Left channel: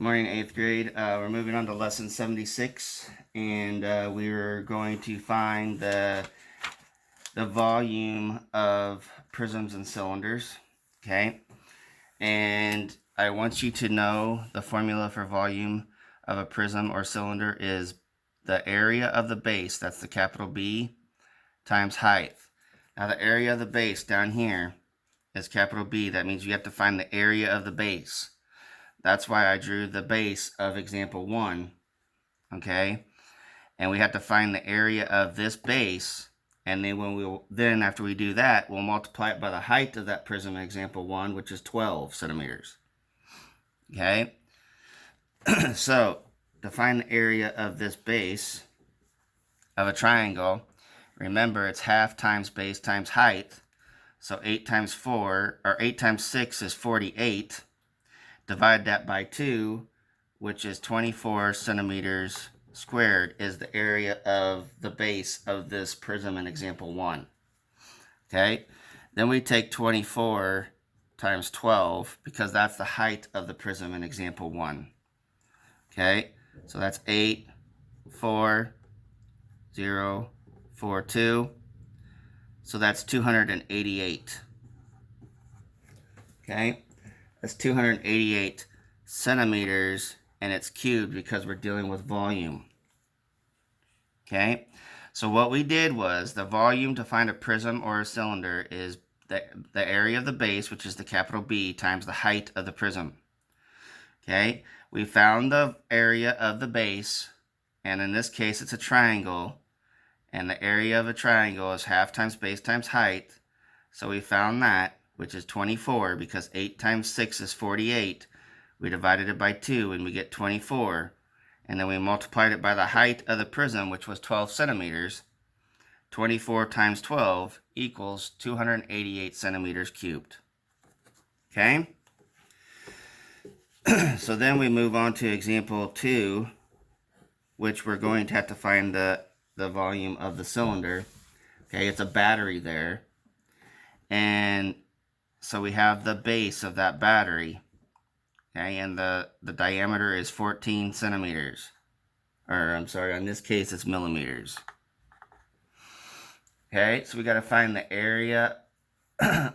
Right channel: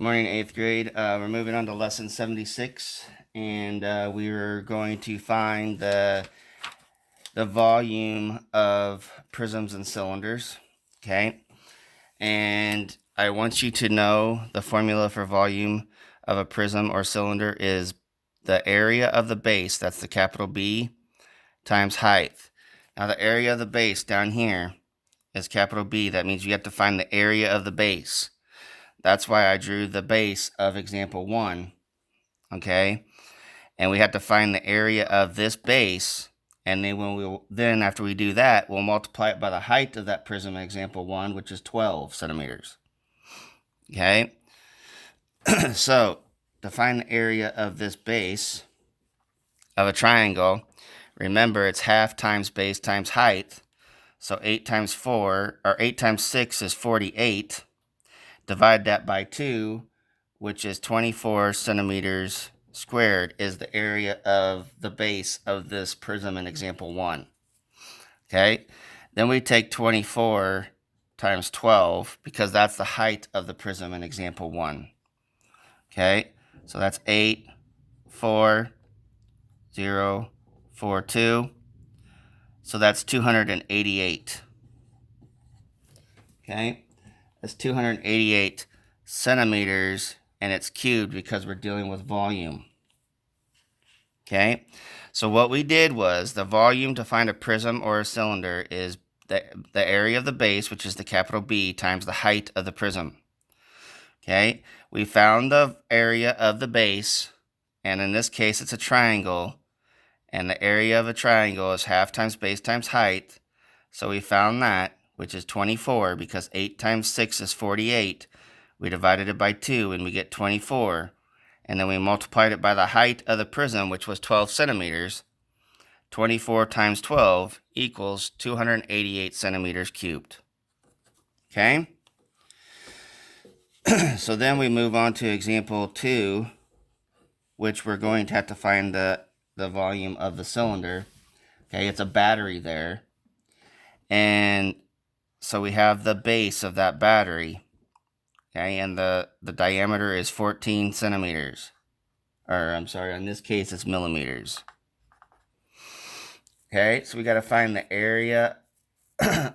Good morning, 8th grade. We're moving on to lesson 76, and we were going to find the volume of prisms and cylinders, okay? And I want you to know the formula for volume of a prism or cylinder is the area of the base, that's the capital B, times height. Now the area of the base down here is capital B. That means you have to find the area of the base. That's why I drew the base of example 1, okay? And we have to find the area of this base, and then after we do that, we'll multiply it by the height of that prism in example 1, which is 12 centimeters, okay? So, to find the area of this base of a triangle, remember it's half times base times height, so 8 times 6 is 48. Divide that by 2, which is 24 centimeters squared, is the area of the base of this prism in example 1. Okay, then we take 24 times 12 because that's the height of the prism in example 1. Okay, so that's 8, 4, 0, 4, 2. So that's 288. Okay. That's 288 centimeters, and it's cubed because we're dealing with volume. Okay, so what we did was the volume to find a prism or a cylinder is the area of the base, which is the capital B, times the height of the prism. Okay, we found the area of the base, and in this case it's a triangle, and the area of a triangle is half times base times height. So we found that, which is 24, because 8 times 6 is 48. We divided it by 2, and we get 24. And then we multiplied it by the height of the prism, which was 12 centimeters. 24 times 12 equals 288 centimeters cubed. Okay? So then we move on to example 2, which we're going to have to find the volume of the cylinder. Okay, it's a battery there. And so we have the base of that battery, okay, and the diameter is 14 centimeters. Or, I'm sorry, in this case, it's millimeters. Okay, so we got to find the area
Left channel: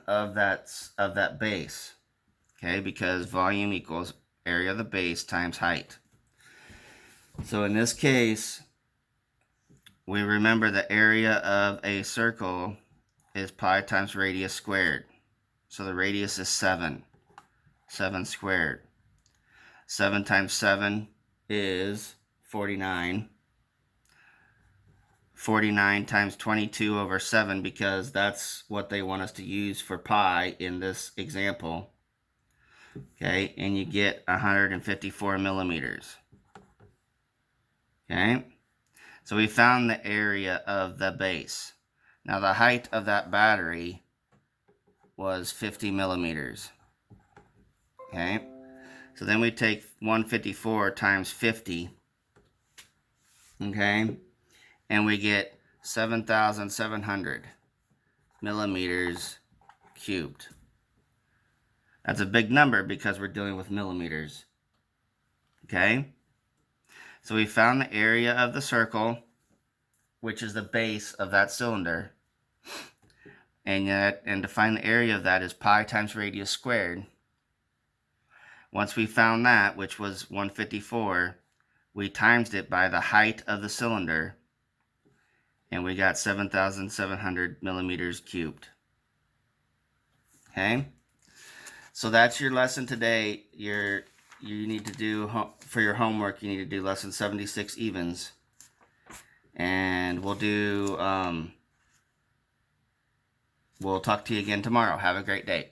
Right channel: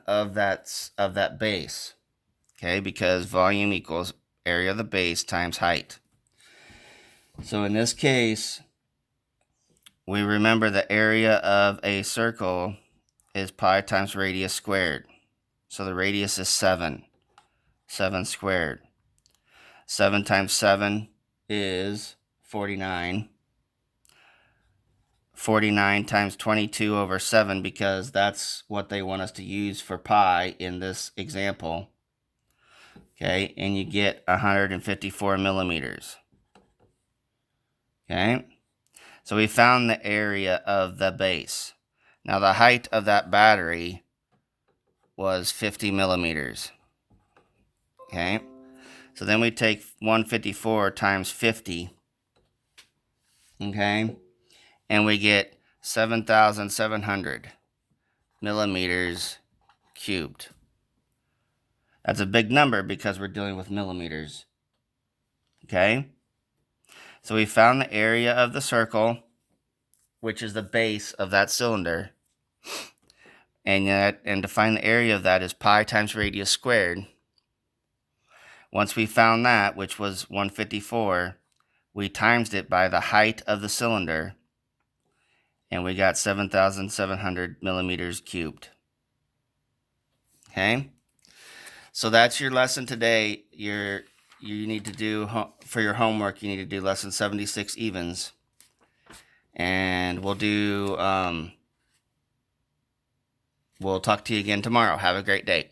of that base, okay, because volume equals area of the base times height. So in this case, we remember the area of a circle is pi times radius squared. So the radius is 7 squared. 7 times 7 is 49. 49 times 22 over 7, because that's what they want us to use for pi in this example. Okay, and you get 154 millimeters. Okay, so we found the area of the base. Now the height of that battery was 50 millimeters. Okay, so then we take 154 times 50, okay, and we get 7,700 millimeters cubed. That's a big number because we're dealing with millimeters. Okay, so we found the area of the circle, which is the base of that cylinder, and to find the area of that is pi times radius squared. Once we found that, which was 154, we times it by the height of the cylinder, and we got 7,700 millimeters cubed. Okay, so that's your lesson today. You need to do, for your homework, you need to do lesson 76 evens, and we'll talk to you again tomorrow. Have a great day.